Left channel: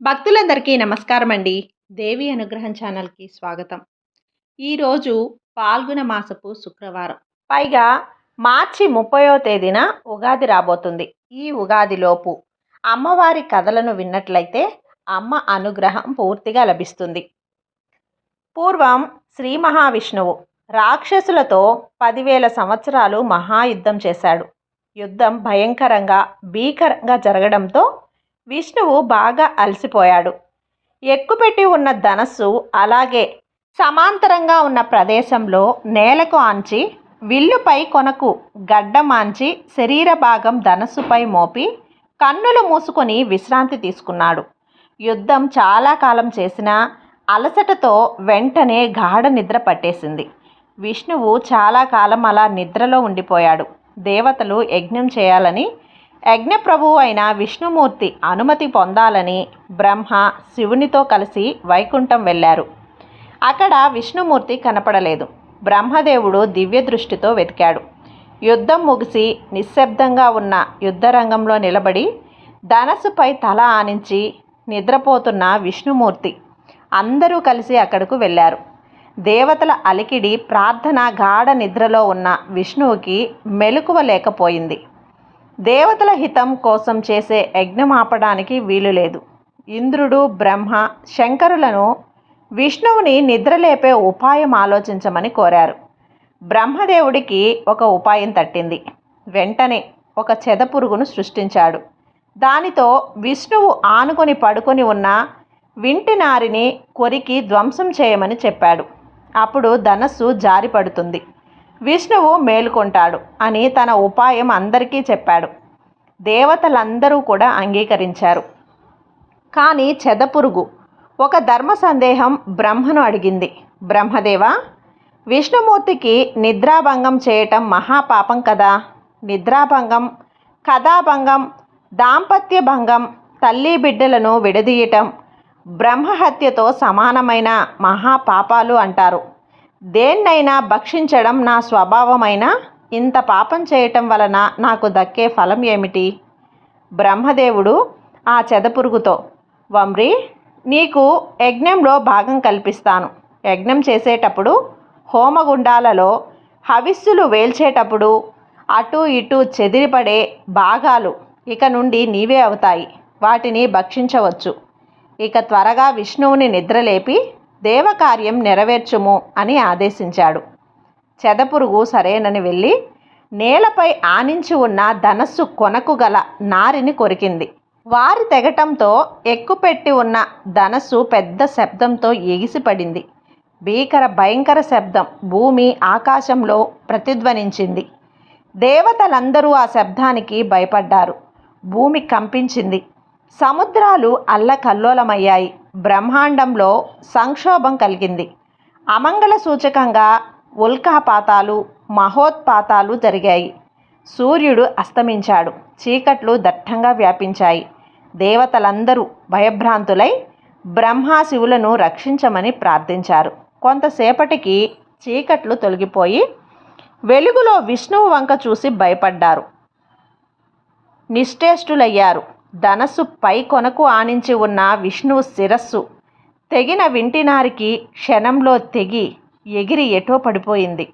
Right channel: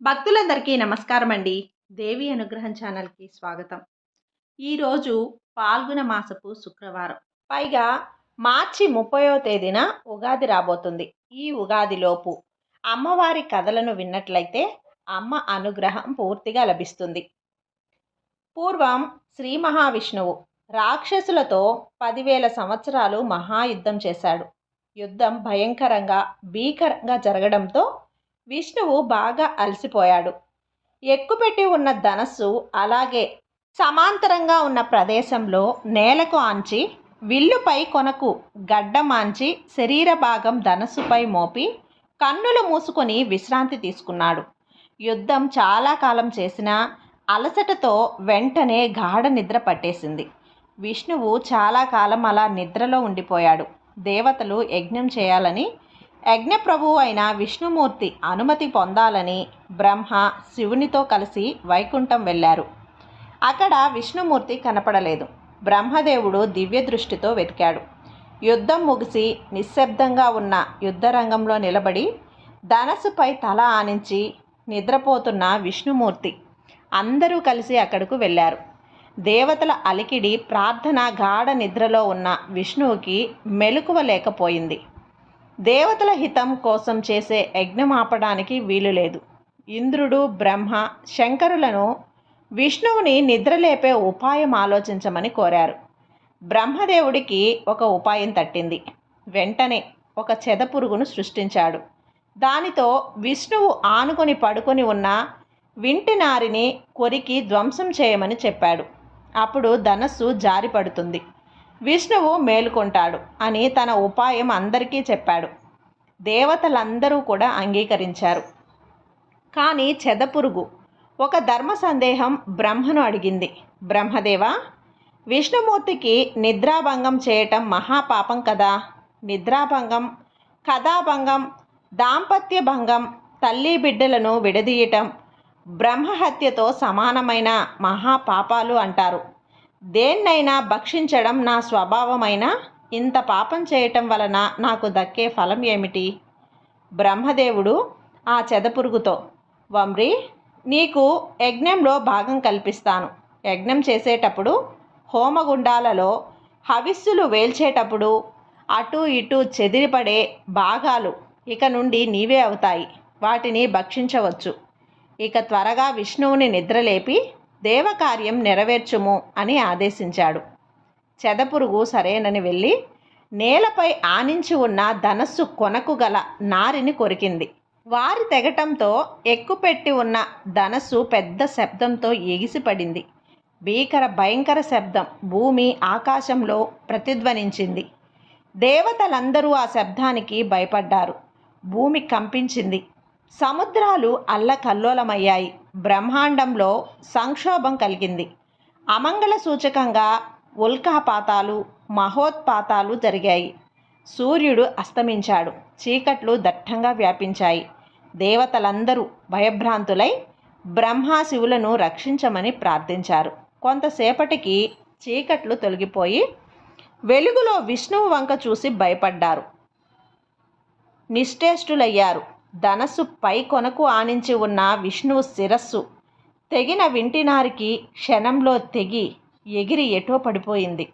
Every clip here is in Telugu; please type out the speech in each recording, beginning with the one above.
భక్తులందరికీ నమస్కారం అండి దేవి అనుగ్రహం ఛానల్కి స్వాగతం. ఈరోజు పాల్గొన మాసపు శుక్రవారం. పైగా మార్చి ముప్పయో తేదీన ఉగాది రాబోతుంది. ఈ ఉగాదిలోపు అమ్మవారి కథలను విన్నట్లయితే అమ్మ అనుగ్రహం పూర్తిగా లభిస్తుంది. పూర్వం శ్రీ మహావిష్ణువు రాక్షసులతో పదివేల సంవత్సరాలు మహాయుద్ధం చేశాడు. యుద్ధం భయంకరంగా భీకరంగా జరగడంతో విష్ణువు బాగా అలసిపోయాడు. ఎక్కుపెట్టి ఉన్న ధనస్సు అలాగే సమాంతరంగా ఉన్న ప్రదేశంలో నేలకు ఆంచి విల్లుపై కొనకు గడ్డమాంచి శరీర భాగం ధనస్సుపై మోపి కన్నులు మూసుకొని విశ్రాంతి తీసుకున్నాడు. యుద్ధం చాలా కాలం చేసినా అలసటతో వెంటనే గాఢ నిద్ర పట్టేసింది. విష్ణువు చాలా కాలం అలా నిద్రలో ఉండిపోయాడు. దేవతలు యజ్ఞం చేయాలని యజ్ఞప్రభువు అయిన విష్ణుమూర్తి అనుమతి పొందాలని బ్రహ్మ శివునితో కలిసి వైకుంఠం వెళ్ళారు. అక్కడ విష్ణుమూర్తి కనపడలేదు. బ్రహ్మదేవుడు దివ్య దృష్టితో వెతికాడు. యుద్ధం ముగిసి నిశ్శబ్దంగా ఉన్న యుద్ధరంగంలో నిలబడి ధనస్సుపై తల ఆనించి నిద్రపోతున్న విష్ణుమూర్తి అందరూ కలిసి అక్కడకు వెళ్ళారు. దేవతల అలికిడి ప్రార్థన గాఢ నిద్రలో ఉన్న విష్ణువుకి మెలకువ లేకపోయింది. దేవతల హితం కోసం చేసే యజ్ఞం ఆపడానికి వీలు లేదు. ఇంద్రుడు బ్రహ్మ శంకరులను విష్ణువుని నిద్రలేపే ఉపాయం ఆలోచించమని కోరారు. బ్రహ్మదేవుడికి ఒక ఉపాయం తట్టింది. వెంటనే ఒక చెదపురుగును సృష్టించాడు. దానితో విష్ణువు ఆనుకొని పడుకొని ఉన్న వింటి నారిని కొరికి ధ్వంసం చేయమని చెప్పాడు. అప్పుడు ధనస్సు జారిపడుతుంది. విష్ణువు మేలుకొంటాడు అని తన ఉపాయం అందరికీ చెప్పాడు. దేవతలందరూ కూడా అంగీకరించారు. కానీ చెదపురుగు. ఒక ధర్మ సందేహం బ్రహ్మను అడిగింది. బ్రహ్మదేవ విష్ణుమూర్తికి నిద్రాభంగం చేయటం మహాపాపం కదా? నిద్రాభంగం కథాభంగం దాంపత్య భంగం తల్లి బిడ్డలను విడదీయటం బ్రహ్మహత్యతో సమానమైన మహాపాపాలు అంటారు. దేన్నైనా భక్షించడం నా స్వభావమైన ఇంత పాపం చేయటం వలన నాకు దక్కే ఫలం ఏమిటి? బ్రహ్మదేవుడు ఆ చెదపురుగుతో వమ్రి నీకు యజ్ఞంలో భాగం కల్పిస్తాను. యజ్ఞం చేసేటప్పుడు హోమగుండాలలో హవిస్సులు వేల్చేటప్పుడు అటు ఇటు చెదిరిపడే భాగాలు ఇక నుండి నీవే అవుతాయి. వాటిని భక్షించవచ్చు. ఇక త్వరగా విష్ణువుని నిద్రలేపి దేవకార్యం నెరవేర్చుము అని ఆదేశించాడు. చెదపురుగు సరేనని వెళ్ళి నేలపై ఆనించి ఉన్న ధనస్సు కొనకు గల నారిని కొరికింది. వారి తెగటంతో ఎక్కుపెట్టి ఉన్న ధనస్సు పెద్ద శబ్దంతో ఎగిసిపడింది. భీకర భయంకర శబ్దం భూమి ఆకాశంలో ప్రతిధ్వనించింది. దేవతలందరూ ఆ శబ్దానికి భయపడ్డారు. భూమి కంపించింది. సముద్రాలు అల్లకల్లోలమయ్యాయి. బ్రహ్మాండంలో సంక్షోభం కలిగింది. అమంగళ సూచకంగా ఉల్కాపాతాలు మహోత్పాతాలు జరిగాయి. సూర్యుడు అస్తమించాడు. చీకట్లు దట్టంగా వ్యాపించాయి. దేవతలందరూ భయభ్రాంతులై బ్రహ్మాశివులను రక్షించమని ప్రార్థించారు. కొంతసేపటికి చీకట్లు తొలగిపోయి వెలుగులో విష్ణువు వంక చూసి భయపడ్డారు. నిశ్చేష్టులయ్యారు ధనస్సు పై కొనకు ఆనించి ఉన్న విష్ణువు శిరస్సు తెగిన వింటినారికి క్షణంలో తెగి ఎగిరి ఎటో పడిపోయింది.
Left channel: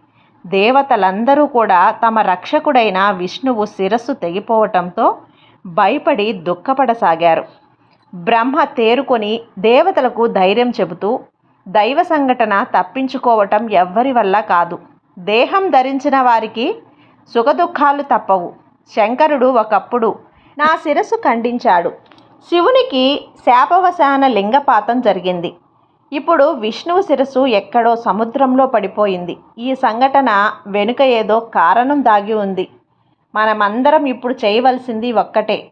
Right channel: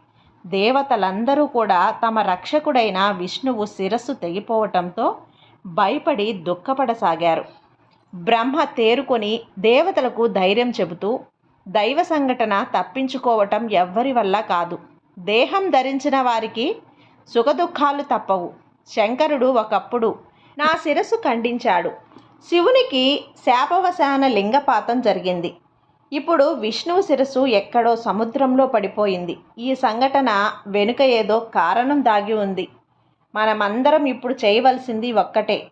దేవతలందరూ కూడా తమ రక్షకుడైన విష్ణువు శిరస్సు తెగిపోవటంతో భయపడి దుఃఖపడసాగారు. బ్రహ్మ తేరుకొని దేవతలకు ధైర్యం చెబుతూ దైవ సంఘటన తప్పించుకోవటం ఎవ్వరి వల్ల కాదు. దేహం ధరించిన వారికి సుఖదుఖాలు తప్పవు. శంకరుడు ఒకప్పుడు నా శిరస్సు ఖండించాడు. శివునికి శాపవశాన లింగపాతం జరిగింది. ఇప్పుడు విష్ణువు శిరస్సు ఎక్కడో సముద్రంలో పడిపోయింది. ఈ సంఘటన వెనుక ఏదో కారణం దాగి ఉంది. మనమందరం ఇప్పుడు చేయవలసింది ఒక్కటే.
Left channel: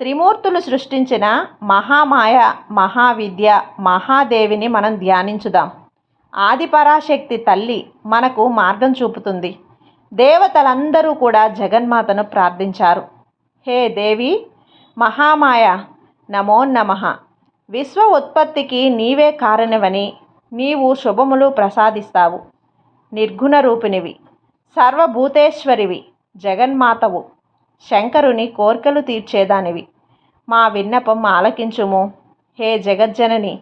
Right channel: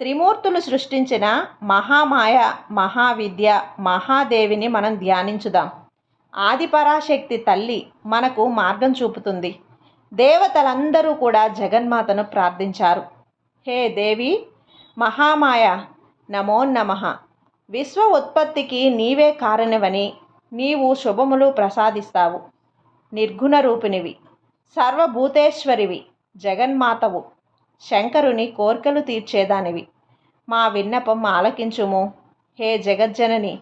త్రిమూర్తులు సృష్టించిన మహామాయ మహావిద్య మహాదేవిని మనం ధ్యానించుదాం. ఆదిపరాశక్తి తల్లి మనకు మార్గం చూపుతుంది. దేవతలందరూ కూడా జగన్మాతను ప్రార్థించారు. హే దేవి! మహామాయ! నమో నమ! విశ్వ ఉత్పత్తికి నీవే కారణవని నీవు శుభములు ప్రసాదిస్తావు. నిర్గుణ రూపినివి సర్వభూతేశ్వరివి. జగన్మాతవు. శంకరుని కోర్కెలు తీర్చేదానివి. మా విన్నపం ఆలకించుము. హే జగజ్జనని!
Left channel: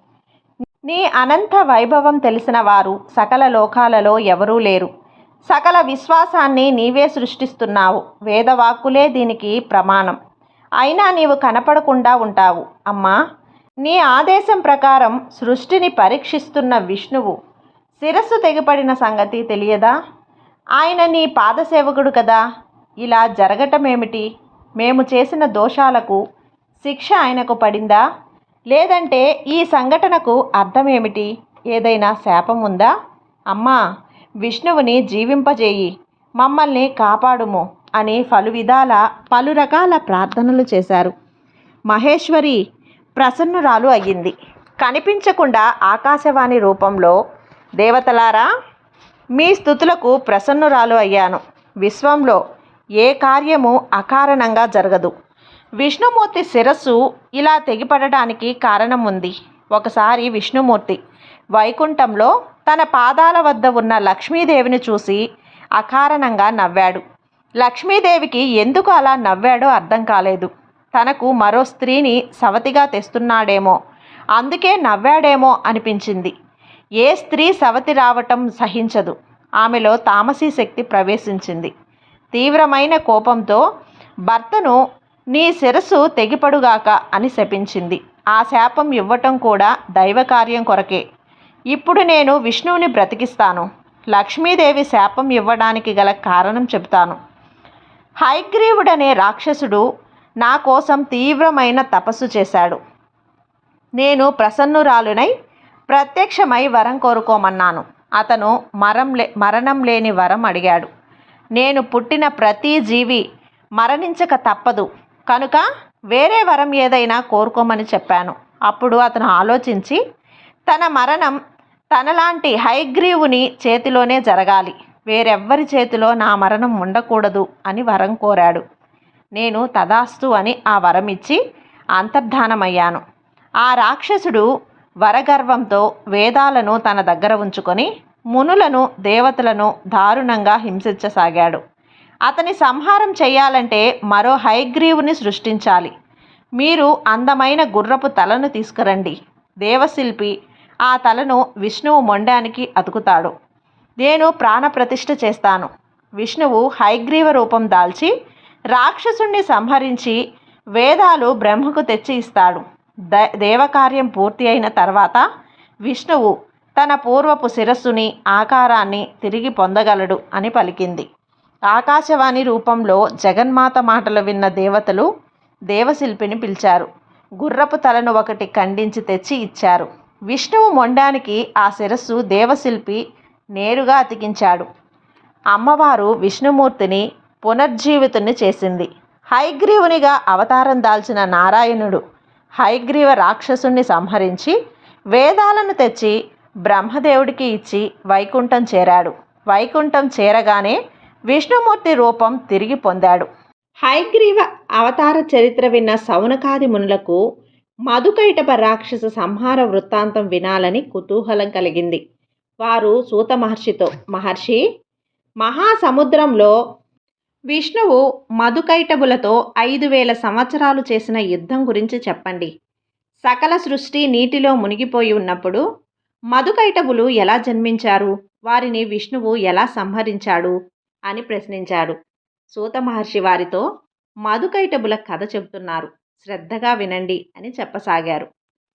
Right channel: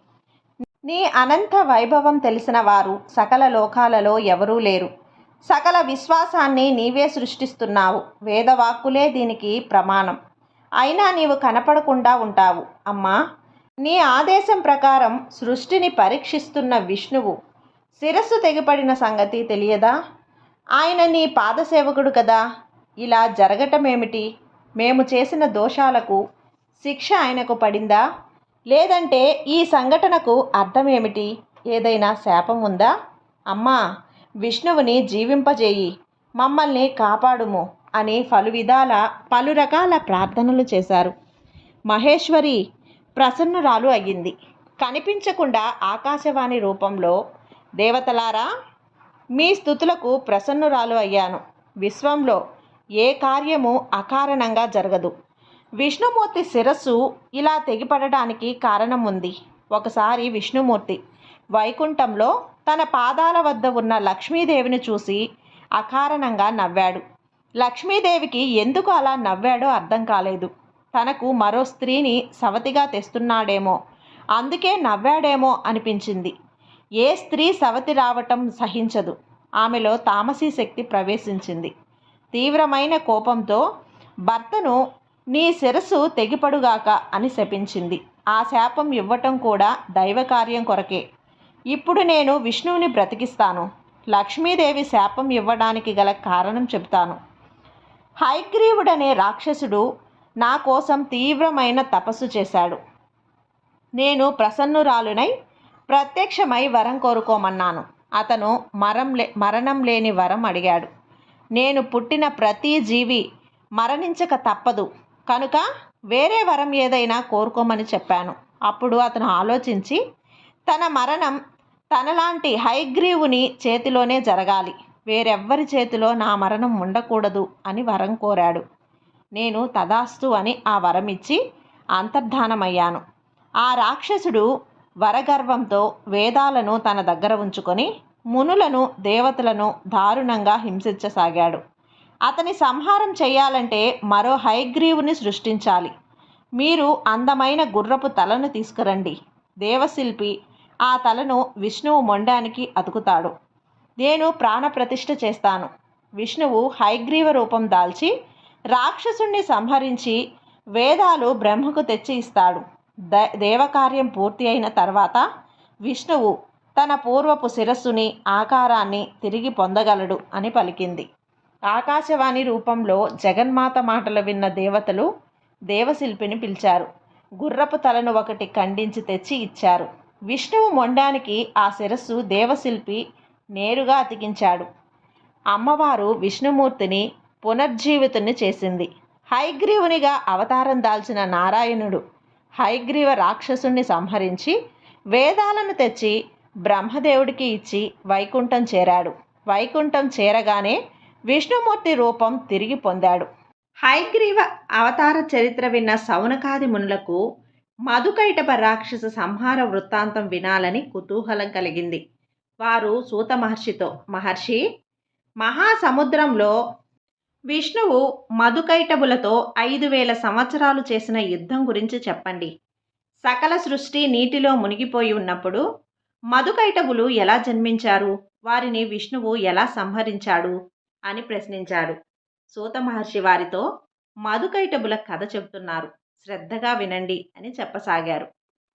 నీ అనంత వైభవం తెలిసిన వారు సకల లోకాలలో ఎవరూ లేరు. సకల విశ్వాసాన్ని నీవే సృష్టిస్తున్నావు. వేదవాక్కులే దీనికి ప్రమాణం. అయినా నీవు కనపడకుండా ఉంటావు. అమ్మా నీ ఆదేశం ప్రకారం సృష్టిని పరీక్షిస్తున్న విష్ణువు శిరస్సు తెగిపడిన సంగతి తెలియదా? ఆయన నీ పాదసేవకుడు కదా. ఇలా జరగటమేమిటి? మేము చేసిన దోషాలకు శిక్ష ఆయనకు పడిందా? లేదంటే ఈ సంఘటనకు అర్థమేమిటి? ఏదైనా శాపం ఉందా? అమ్మా విష్ణువుని జీవింపజేయి మమ్మల్ని కాపాడుము అని పలు విధాల పలు రకాల ప్రార్థనలు చేశారు. మహేశ్వరి ప్రసన్నురాలు అయ్యింది. కనిపించకుండా ఆకాశవాణి రూపంలో దేవతలారా మీ స్థుతులకు ప్రసన్నురాలు అయ్యాను. విశ్వంలో ఏ కార్యము అకారణంగా జరగదు. విష్ణుమూర్తి శిరస్సు ఇలా తెగిపడడానికి కారణం ఉంది ఒకసారి విష్ణుమూర్తి వైకుంఠంలో తన పాదాల వద్ద ఉన్న లక్ష్మీదేవిని చూసి అకారణంగా నవ్వాడు. లక్ష్మీదేవికి ఎందుకు అలా నవ్వాడో అర్థం కాలేదు. తనకు మరో స్త్రీని సవతిగా తెస్తున్నాడేమో. అందుకే నవ్వాడేమో అనిపించింది. ఏ స్త్రీ సవతి రావటం సహించదు. ఆమెలో తామసీ శక్తి ప్రవేశించింది. తీవ్రమైన కోపంతో భర్తను నీ శిరస్సు తెగిపడుగాక అని శపించింది. ఆ శాపం ఇవ్వటం కూడా దైవకార్యం కొరకే. ఇప్పుడు నేను విష్ణువుని బ్రతికిస్తాను. లక్ష్మీదేవి శాపం ఇవ్వడానికి గల కారణం చెబుతాను. హైగ్రీవుడనే రాక్షసుడు నా కోసం తీవ్రమైన తపస్సు చేశాడు. నేను ప్రసన్నురాలునై ప్రత్యక్షమై వరం కోరుకోమన్నాను. అతను మరం లే మరణం లేని వరం అడిగాడు. నేను పుట్టిన ప్రతి జీవి మరణించక తప్పదు. కనుక వేరే వరం ఏదైనా కోరుకోమని చెప్పాను. అప్పుడు అతను ఆలోచించి తన మరణం తనలాంటి హైగ్రీవుని చేతిలోనే జరగాలి. వేరెవ్వరి చేతిలో నా మరణం ఉండకూడదు అని వరం కోరాడు. నేను తదాస్తు అని ఆ వరం ఇచ్చి అంతర్ధానమయ్యాను. ఆ రాక్షసుడు వరగర్వంతో వేదాలను తన దగ్గర ఉంచుకొని మునులను దేవతలను దారుణంగా హింసించసాగాడు. అతని సంహారం చేయాలంటే మరో హైగ్రీవుని సృష్టించాలి. మీరు అందమైన గుర్రపు తలను తీసుకురండి. దేవశిల్పి ఆ తలను విష్ణువు మొండానికి అతుకుతాడు. నేను ప్రాణప్రతిష్ఠ చేస్తాను. విష్ణువు హైగ్రీవ రూపం దాల్చి రాక్షసుణ్ణి సంహరించి వేదాలు బ్రహ్మకు తెచ్చి ఇస్తాడు. ద దేవకార్యం పూర్తి అయిన తర్వాత విష్ణువు తన పూర్వపు శిరస్సుని ఆకారాన్ని తిరిగి పొందగలడు అని పలికింది. ఆకాశవాణి రూపంలో జగన్మాత మాటలు విన్న దేవతలు దేవశిల్పిని పిలిచారు. గుర్రపు తలను ఒకటి ఖండించి తెచ్చి ఇచ్చారు. విష్ణువు మొండానికి ఆ శిరస్సు దేవశిల్పి నేరుగా అతికించాడు. అమ్మవారు విష్ణుమూర్తిని పునర్జీవితుని చేసింది. హైగ్రీవునిగా అవతారం దాల్చిన నారాయణుడు హైగ్రీవ రాక్షసుణ్ణి సంహరించి వేదాలను తెచ్చి బ్రహ్మదేవుడికి ఇచ్చి వైకుంఠం చేరాడు. వైకుంఠం చేరగానే విష్ణుమూర్తి రూపం తిరిగి పొందాడు. హైగ్రీవ అవతార చరిత్ర విన్న సౌనకాది మునులకు మధుకైటప రాక్షస సంహార వృత్తాంతం వినాలని కుతూహలం కలిగింది. వారు సూత మహర్షితో మహర్షి మహాసముద్రంలో విష్ణువు మధుకైటబులతో ఐదు వేల సంవత్సరాలు చేసిన యుద్ధం గురించి చెప్పండి. సకల సృష్టి నీటిలో మునిగిపోయి ఉన్నప్పుడు మధుకైటబులు ఎలా జన్మించారు? వారిని విష్ణువు ఎలా సంహరించాడు? అని ప్రశ్నించాడు. సూత మహర్షి వారితో మధుకైటబుల కథ చెబుతున్నారు. శ్రద్ధగా వినండి అని చెప్పసాగారు.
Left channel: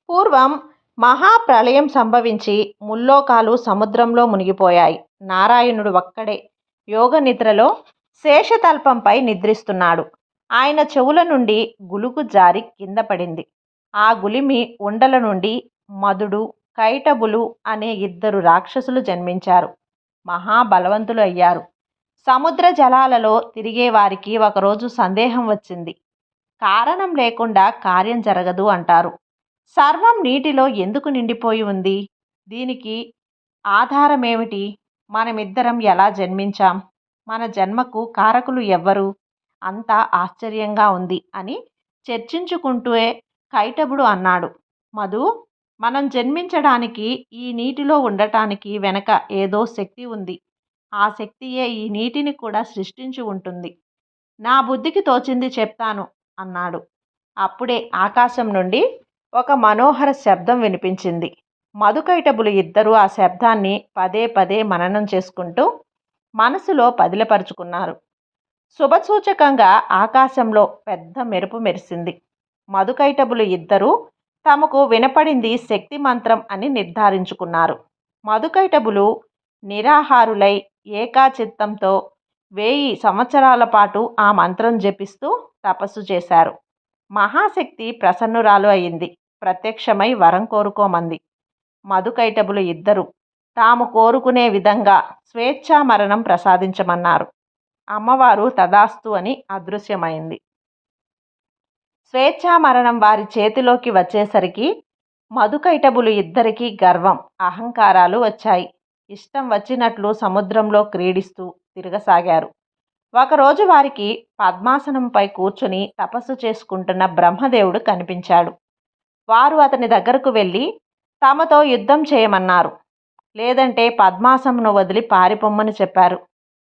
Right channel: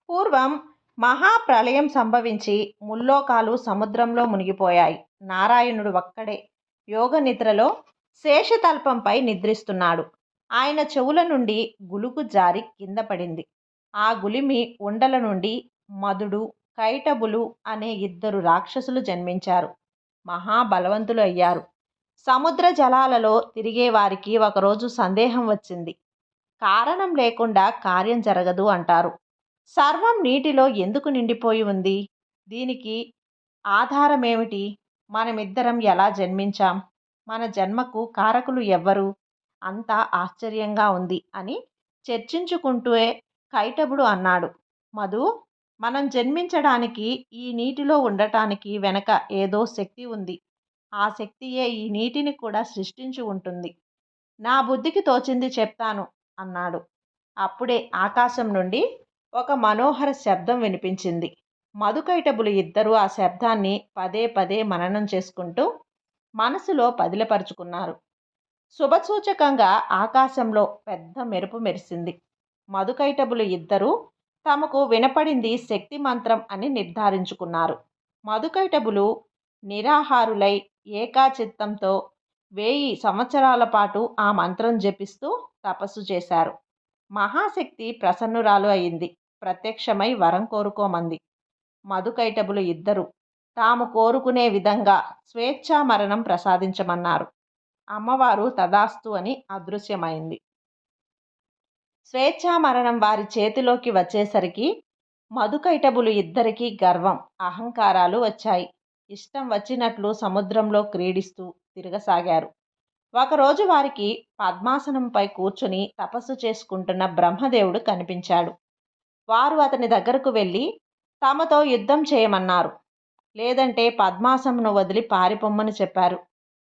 పూర్వం మహాప్రళయం సంభవించి ముల్లోకాలు సముద్రంలో మునిగిపోయాయి. నారాయణుడు ఒక్కడే యోగ నిద్రలో శేషతల్పంపై నిద్రిస్తున్నాడు. ఆయన చెవుల నుండి గులుగు జారి కింద పడింది. ఆ గులిమి ఉండల నుండి మధుడు కైటబులు అనే ఇద్దరు రాక్షసులు జన్మించారు. మహాబలవంతులు అయ్యారు. సముద్ర జలాలలో తిరిగే వారికి ఒకరోజు సందేహం వచ్చింది. కారణం లేకుండా కార్యం జరగదు అంటారు. సర్వం నీటిలో ఎందుకు నిండిపోయి ఉంది? దీనికి ఆధారమేమిటి? మనమిద్దరం ఎలా జన్మించాం? మన జన్మకు కారకులు ఎవ్వరు? అంతా ఆశ్చర్యంగా ఉంది అని చర్చించుకుంటూనే కైటబుడు అన్నాడు. మధు మనం జన్మించడానికి ఈ నీటిలో ఉండటానికి వెనక ఏదో శక్తి ఉంది. ఆ శక్తియే ఈ నీటిని కూడా సృష్టించి ఉంటుంది. నా బుద్ధికి తోచింది చెప్తాను. అన్నాడు. అప్పుడే ఆకాశం నుండి ఒక మనోహర శబ్దం వినిపించింది. మధుకైటబులు ఇద్దరూ ఆ శబ్దాన్ని పదే పదే మననం చేసుకుంటూ మనసులో పదిలపరుచుకున్నారు. శుభసూచకంగా ఆకాశంలో పెద్ద మెరుపు మెరిసింది. మధుకైటబులు ఇద్దరూ తమకు వినపడింది శక్తి మంత్రం అని నిర్ధారించుకున్నారు. మధుకైటబులు నిరాహారులై ఏకాచిత్తంతో వెయ్యి సంవత్సరాల పాటు ఆ మంత్రం జపిస్తూ తపస్సు చేశారు. మహాశక్తి ప్రసన్నురాలు అయింది. ప్రత్యక్షమై వరం కోరుకోమంది. మధుకైటబులు ఇద్దరు. తాము కోరుకునే విధంగా స్వేచ్ఛా మరణం ప్రసాదించమన్నారు. అమ్మవారు తదాస్తు అని అదృశ్యమైంది. స్వేచ్ఛా మరణం వారి చేతిలోకి వచ్చేసరికి మధుకైటబులు ఇద్దరికీ గర్వం అహంకారాలు వచ్చాయి. ఇష్టం వచ్చినట్లు సముద్రంలో క్రీడిస్తూ తిరగసాగారు. ఒకరోజు వారికి పద్మాసనంపై కూర్చుని తపస్సు చేసుకుంటున్న బ్రహ్మదేవుడు కనిపించాడు. వారు అతని దగ్గరకు వెళ్ళి తమతో యుద్ధం చేయమన్నారు. లేదంటే పద్మాసమును వదిలి పారిపొమ్మని చెప్పారు.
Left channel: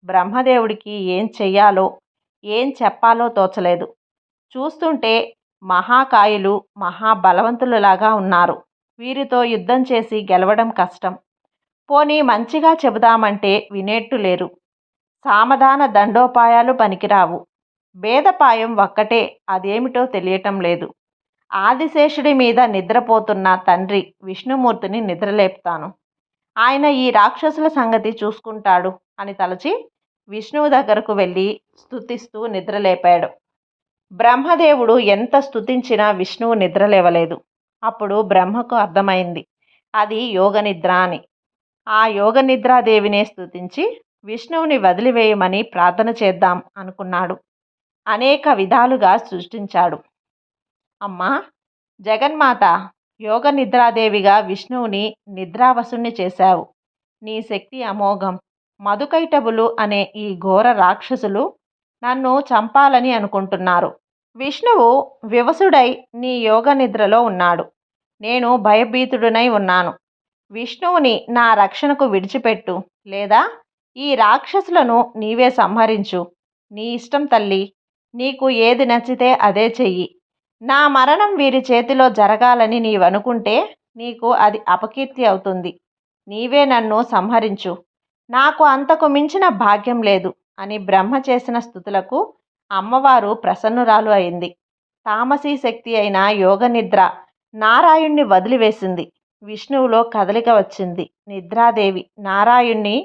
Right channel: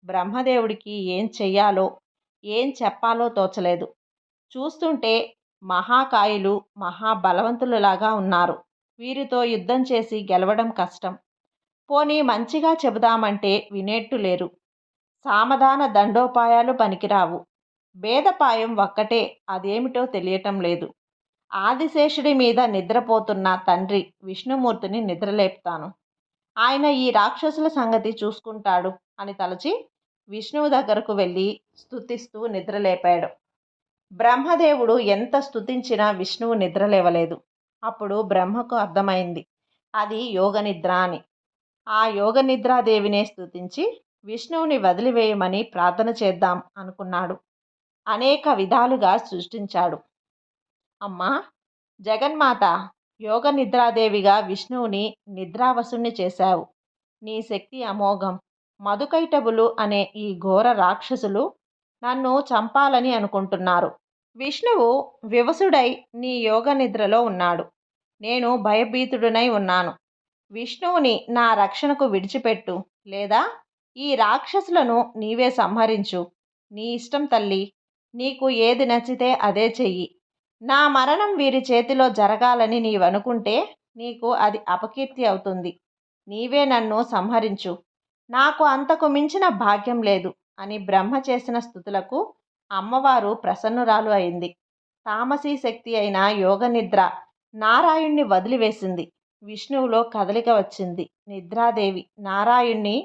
బ్రహ్మదేవుడికి ఏం చెయ్యాలో ఏం చెప్పాలో తోచలేదు. చూస్తుంటే మహాకాయులు మహాబలవంతులలాగా ఉన్నారు. వీరితో యుద్ధం చేసి గెలవడం కష్టం. పోనీ మంచిగా చెబుదామంటే వినేట్టు లేరు. సామధాన దండోపాయాలు పనికిరావు. భేదపాయం ఒక్కటే అదేమిటో తెలియటం లేదు. ఆదిశేషుడి మీద నిద్రపోతున్న తండ్రి విష్ణుమూర్తిని నిద్రలేపుతాను. ఆయన ఈ రాక్షసుల సంగతి చూసుకుంటాడు అని తలచి విష్ణువు దగ్గరకు వెళ్ళి స్థుతిస్తూ నిద్రలేపాడు. బ్రహ్మదేవుడు ఎంత స్థుతించినా విష్ణువు నిద్రలేవలేదు. అప్పుడు బ్రహ్మకు అర్థమైంది. అది యోగ నిద్ర అని. ఆ యోగ నిద్రాదేవినే స్థుతించి విష్ణువుని వదిలివేయమని ప్రార్థన చేద్దాం అనుకున్నాడు. అనేక విధాలుగా సృష్టించాడు. అమ్మా! జగన్మాత యోగ నిద్రాదేవిగా విష్ణువుని నిద్రావసుని చేశావు. నీ శక్తి అమోఘం. మధుకైటబులు అనే ఈ ఘోర రాక్షసులు నన్ను చంపాలని అనుకుంటున్నారు. విష్ణువు వివసుడై నీ యోగ నిద్రలో ఉన్నాడు. నేను భయభీతుడునై ఉన్నాను. విష్ణువుని నా రక్షణకు విడిచిపెట్టు లేదా? ఈ రాక్షసులను నీవే సంహరించు. నీ ఇష్టం తల్లి నీకు ఏది నచ్చితే అదే చెయ్యి. నా మరణం వీరి చేతిలో జరగాలని నీవనుకుంటే నీకు అది అపకీర్తి అవుతుంది. నీవే నన్ను సంహరించు. నాకు అంతకు మించిన భాగ్యం లేదు అని బ్రహ్మ చేసిన స్థుతులకు అమ్మవారు ప్రసన్నురాలు అయింది. తామసీ శక్తి అయిన యోగ నిద్ర నారాయణ్ణి వదిలివేసింది. విష్ణువులో కదలిక వచ్చింది. నిద్రాదేవి నారాయణ్ణి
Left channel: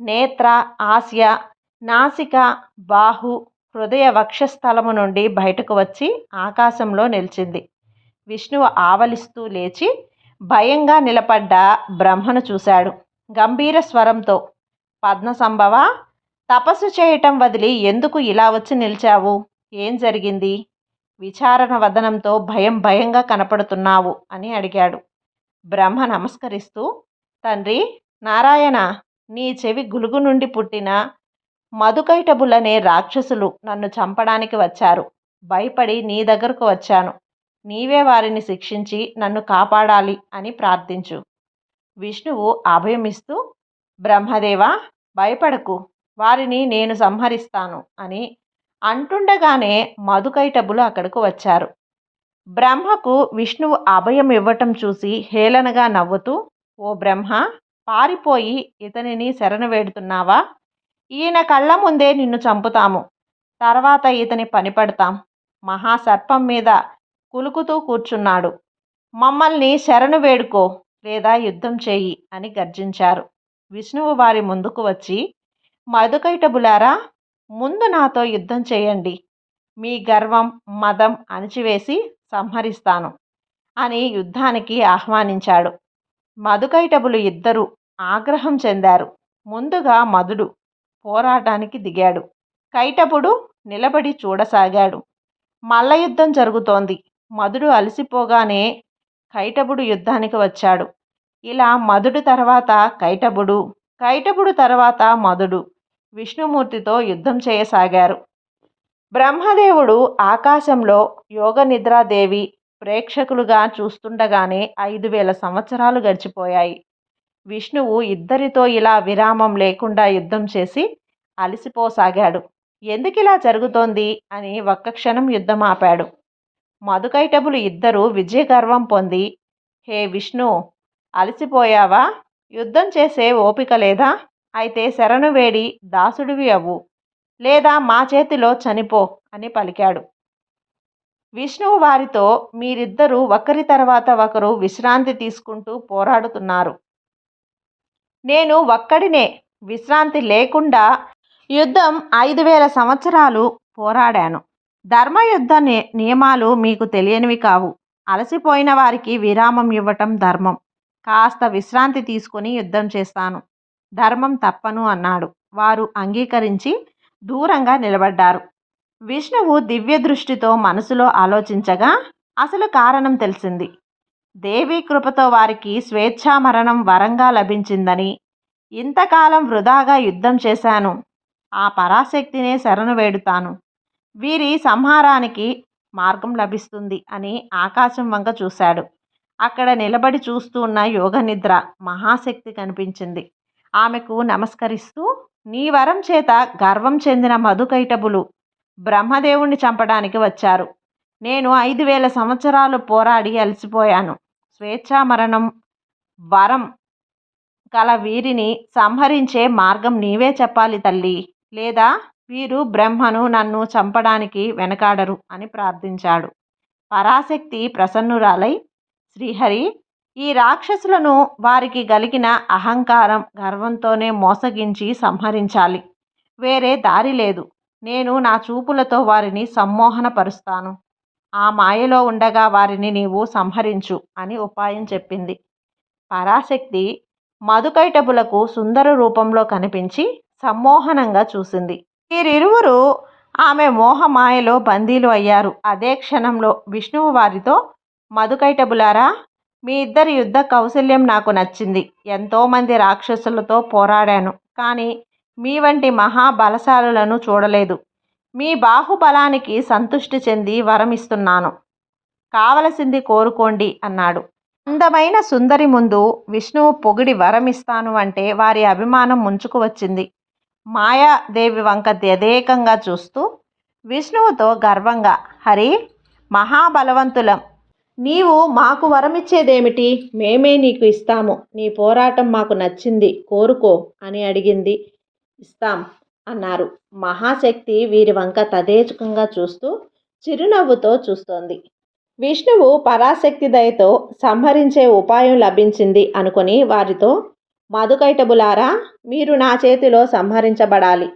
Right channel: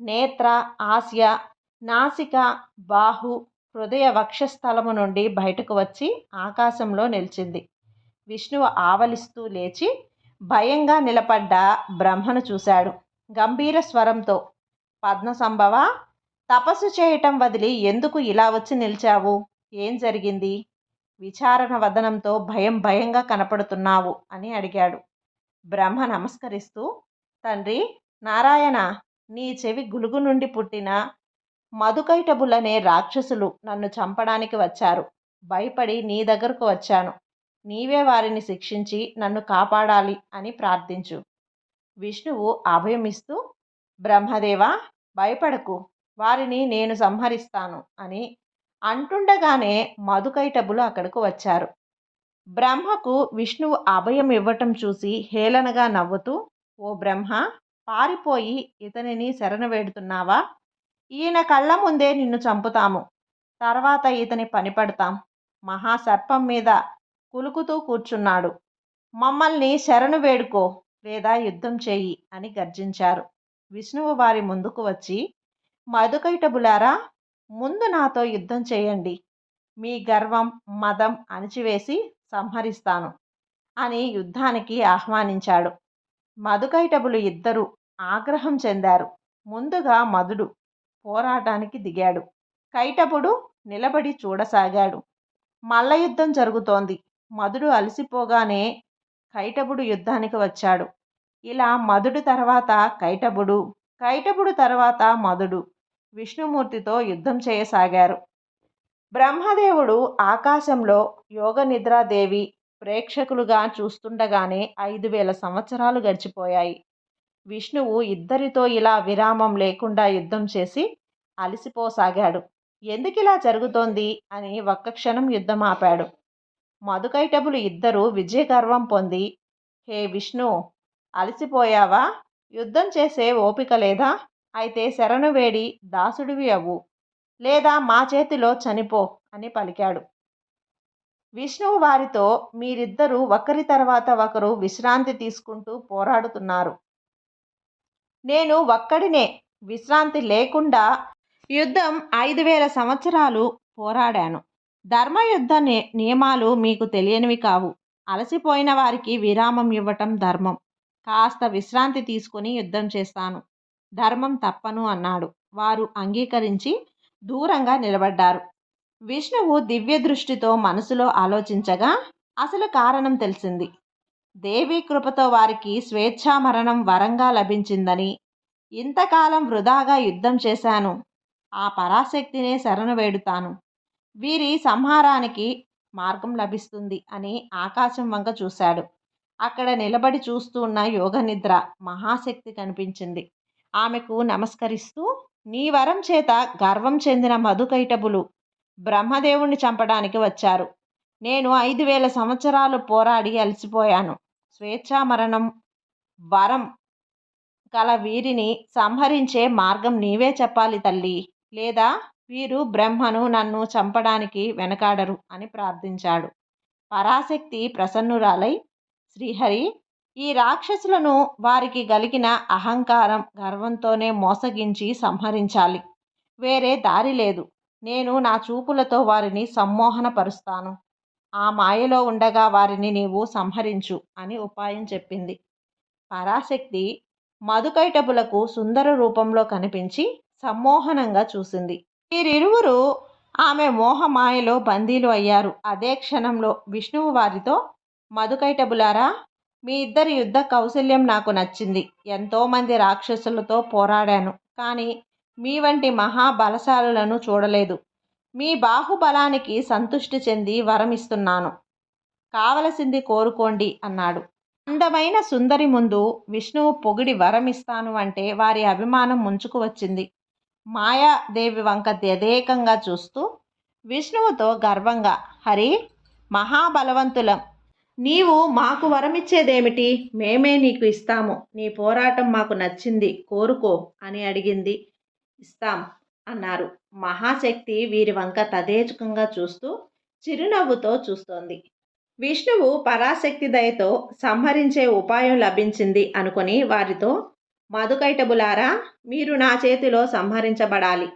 నేత్ర ఆస్య నాసిక బాహు హృదయ వక్షస్థలము నుండి బయటకు వచ్చి ఆకాశంలో నిలిచింది. విష్ణువు ఆవలిస్తూ లేచి భయంగా నిలబడ్డ బ్రహ్మను చూశాడు. గంభీర స్వరంతో పద్మసంభవ తపస్సు చేయటం వదిలి ఎందుకు ఇలా వచ్చి నిలిచావు? ఏం జరిగింది? విచారణ వదనంతో భయం భయంగా కనపడుతున్నావు అని అడిగాడు. బ్రహ్మ నమస్కరిస్తూ తండ్రి నారాయణ నీ చెవి గులుగు నుండి పుట్టిన మధుకైటబులనే రాక్షసులు నన్ను చంపడానికి వచ్చారు. భయపడి నీ దగ్గరకు వచ్చాను. నీవే వారిని శిక్షించి నన్ను కాపాడాలి అని ప్రార్థించు. విష్ణువు అభయమిస్తూ బ్రహ్మదేవ భయపడకు. వారిని నేను సంహరిస్తాను అని అంటుండగానే మధుకైటబులు అక్కడకు వచ్చారు. బ్రహ్మకు విష్ణువు అభయం ఇవ్వటం చూసి హేళనగా నవ్వుతూ ఓ బ్రహ్మ పారిపోయి ఇతనిని శరణ వేడుతున్నావా? ఈయన కళ్ళ ముందే నిన్ను చంపుతాము. తర్వాత ఇతని పనిపడతాం మహాసర్పం మీద కులుకుతూ కూర్చున్నాడు. మమ్మల్ని శరణు వేడుకో లేదా యుద్ధం చేయి అని గర్జించారు. విష్ణువు వారి ముందుకు వచ్చి మధుకైటబులారా ముందు నాతో యుద్ధం చేయండి. మీ గర్వం మదం అణిచివేసి సంహరిస్తాను అని యుద్ధానికి ఆహ్వానించాడు. మధుకైటబులు ఇద్దరు ఆగ్రహం చెందారు. ముందుగా మధుడు పోరాటానికి దిగాడు. కైటపుడు నిలబడి చూడసాగాడు. మల్ల యుద్ధం జరుగుతోంది. మధుడు అలసిపోగానే కైటబుడు యుద్ధానికి వచ్చాడు. ఇలా మధుడు తర్వాత కైటబుడు కైటబుడు తర్వాత మధుడు విష్ణుమూర్తితో యుద్ధం చేయసాగారు. బ్రహ్మదేవుడు ఆకాశంలో యోగ నిద్రాదేవి ప్రేక్షకులుగా చూస్తుండగానే ఐదు వేల సంవత్సరాలు గడిచిపోయాయి. విష్ణువు ఇద్దరితో ఇలా విరామం లేకుండా యుద్ధం చేసి అలసిపోసాగాడు. ఎందుకిలా జరుగుతోంది? అని ఒక్క క్షణం యుద్ధం ఆపాడు. మధుకైటబులు ఇద్దరూ విజయగర్వం పొంది హే విష్ణు అలసిపోయావా? యుద్ధం చేసే ఓపిక లేదా? అయితే శరణు వేడి దాసుడివి అవ్వు. లేదా మా చేతిలో చనిపో అని పలికాడు. విష్ణువు వారితో మీరిద్దరూ ఒకరి తర్వాత ఒకరు విశ్రాంతి తీసుకుంటూ పోరాడుతున్నారు. నేను ఒక్కడినే విశ్రాంతి లేకుండా యుద్ధం ఐదు వేల సంవత్సరాలు పోరాడాను. ధర్మయుద్ధ ని- నియమాలు మీకు తెలియనివి కావు. అలసిపోయిన వారికి విరామం ఇవ్వటం ధర్మం. కాస్త విశ్రాంతి తీసుకుని యుద్ధం చేస్తాను. ధర్మం తప్పను అన్నాడు. వారు అంగీకరించి దూరంగా నిలబడ్డారు. విష్ణువు దివ్య దృష్టితో మనసులో ఆలోచించగా అసలు కారణం తెలిసింది. దేవి కృపతో వారికి స్వేచ్ఛా మరణం వరంగా లభించిందని ఇంతకాలం వృధాగా యుద్ధం చేశాను. ఆ పరాశక్తినే శరణు వేడుతాను. వీరి సంహారానికి మార్గం లభిస్తుంది అని ఆకాశం వంక చూశాడు. అక్కడ నిలబడి చూస్తూ ఉన్న యోగనిద్ర మహాశక్తి కనిపించింది. ఆమెకు నమస్కరిస్తూ నీ వరం చేత గర్వం చెందిన మధుకైటబులు బ్రహ్మదేవుణ్ణి చంపడానికి వచ్చారు. నేను ఐదు వేల సంవత్సరాలు పోరాడి అలసిపోయాను. స్వేచ్ఛా మరణం వరం గల వీరిని సంహరించే మార్గం నీవే చెప్పాలి తల్లి. లేదా వీరు బ్రహ్మను నన్ను చంపడానికి వెనకాడరు అని ప్రార్థించాడు. పరాశక్తి ప్రసన్నురాలై శ్రీహరి ఈ రాక్షసులను వారికి గలిగిన అహంకారం గర్వంతోనే మోసగించి సంహరించాలి. వేరే దారి లేదు. నేను నా చూపులతో వారిని సమ్మోహనపరుస్తాను. ఆ మాయలో ఉండగా వారిని నీవు సంహరించు అని ఉపాయం చెప్పింది. పరాశక్తి మధుకైటబులకు సుందర రూపంలో కనిపించి సమ్మోహనంగా చూసింది. వీరిరువురు ఆమె మోహమాయలో బందీలు అయ్యారు. అదే క్షణంలో విష్ణువు వారితో మధుకైటబులారా మీ ఇద్దరి యుద్ధ కౌశల్యం నాకు నచ్చింది. ఎంతోమంది రాక్షసులతో పోరాడాను. కానీ మీ వంటి మహాబలశాలులను చూడలేదు. మీ బాహుబలానికి సంతుష్టి చెంది వరమిస్తున్నాను. కావలసింది కోరుకోండి అన్నాడు. అందమైన సుందరి ముందు విష్ణువు పొగిడి వరమిస్తాను అంటే వారి అభిమానం ముంచుకు వచ్చింది. మాయాదేవి వంక వ్యదేకంగా చూస్తూ విష్ణువుతో గర్వంగా హరి మహాబలవంతులం నీవు మాకు వరమిచ్చేదేమిటి? మేమే నీకు ఇస్తాము. నీ పోరాటం మాకు నచ్చింది. కోరుకో అని అడిగింది. ఇస్తాం అన్నారు. మహాశక్తి వీరి వంక తదేచకంగా చూస్తూ చిరునవ్వుతో చూస్తోంది. విష్ణువు పరాశక్తి దయతో సంహరించే ఉపాయం లభించింది అనుకొని వారితో మధుకైటబులారా మీరు నా చేతిలో సంహరించబడాలి.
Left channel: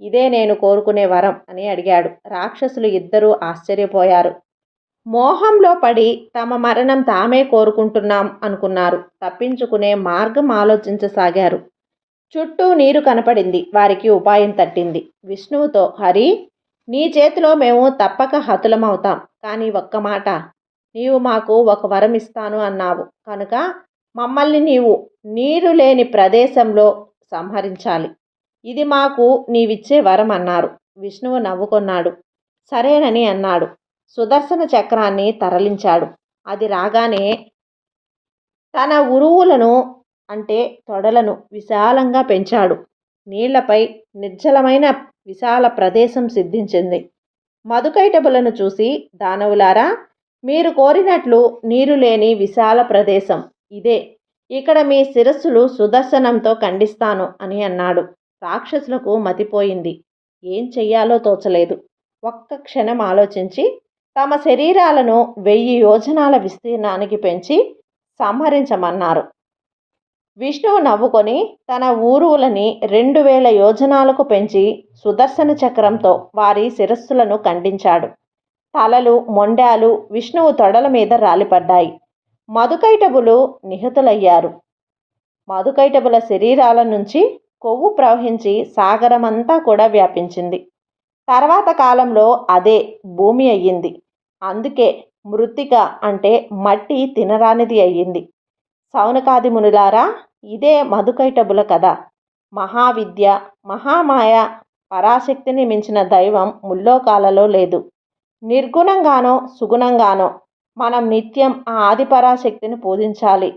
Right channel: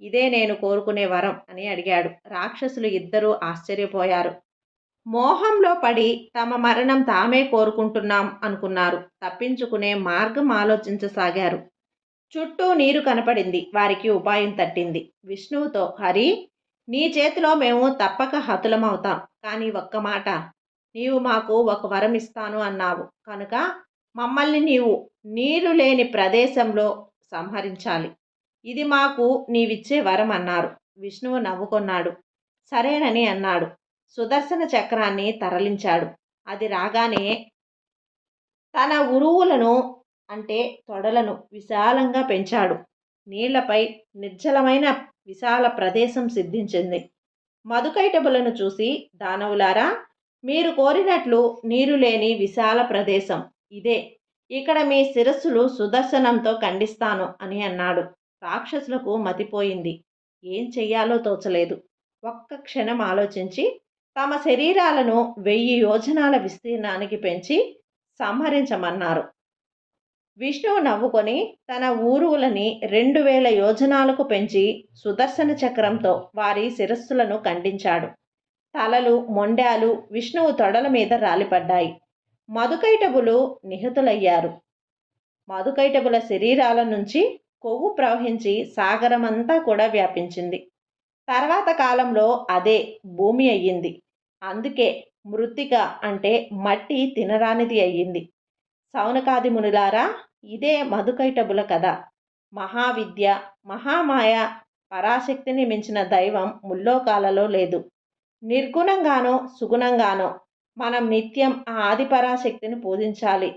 ఇదే నేను కోరుకునే వరం అని అడిగాడు. రాక్షసులు ఇద్దరూ ఆశ్చర్యపోయారు. మోహంలో పడి తమ మరణం తామే కోరుకుంటున్నాం అనుకున్నారు. తప్పించుకునే మార్గం ఆలోచించసాగారు. చుట్టూ నీరు కనపడింది. వారికి ఉపాయం తట్టింది. విష్ణువుతో హరి నీ చేతిలో మేము తప్పక హతులమవుతాం. కానీ ఒక్క మాట నీవు మాకు ఒక వరం ఇస్తాను అన్నావు. కనుక మమ్మల్ని నీవు నీరు లేని ప్రదేశంలో సంహరించాలి. ఇది మాకు నీవిచ్చే వరం అన్నారు. విష్ణువు నవ్వుకొన్నాడు. సరేనని అన్నాడు. సుదర్శన చక్రాన్ని తరలించాడు. అది రాగానే తన ఉరువులను అంటే తొడలను విశాలంగా పెంచాడు. నీళ్ళపై నిర్జలమైన విశాల ప్రదేశం సిద్ధించింది. మధుకైటబులను చూసి దానవులారా మీరు కోరినట్లు నీరు లేని విశాల ప్రదేశం ఇదే. ఇక్కడ మీ శిరస్సులు సుదర్శనంతో ఖండిస్తాను అని అన్నాడు. రాక్షసులకు మతిపోయింది. ఏం చెయ్యాలో తోచలేదు. ఒక్క క్షణం ఆలోచించి తమ శరీరాలను వెయ్యి యోజనాల విస్తీర్ణానికి పెంచి సంహరించమన్నారు. విష్ణువు నవ్వుకొని తన ఊరువులని రెండు వేల యోజనాలకు పెంచి సుదర్శన చక్రంతో వారి శిరస్సులను ఖండించాడు. తలలు మొండాలు విష్ణువు తొడల మీద రాలిపడ్డాయి. మధుకైటబులు నిహతులయ్యారు. మధుకైటబుల శరీరాల నుంచి కొవ్వు ప్రవహించి సాగరమంతా కూడా వ్యాపించింది. తర్వాత కాలంలో అదే భూమి అయ్యింది. అందుకే మృత్తిక అంటే మట్టి తినరానిది అయ్యింది. సౌనకాది మునులారా ఇదే మధుకైటబుల కథ. మహావిద్య మహామాయ పరాశక్తిని మించిన దైవం ముల్లోకాలలో లేదు. నిర్గుణంగానో సుగుణంగానో మనం నిత్యం ఆ ఆదిపరాశక్తిని పూజించాలి.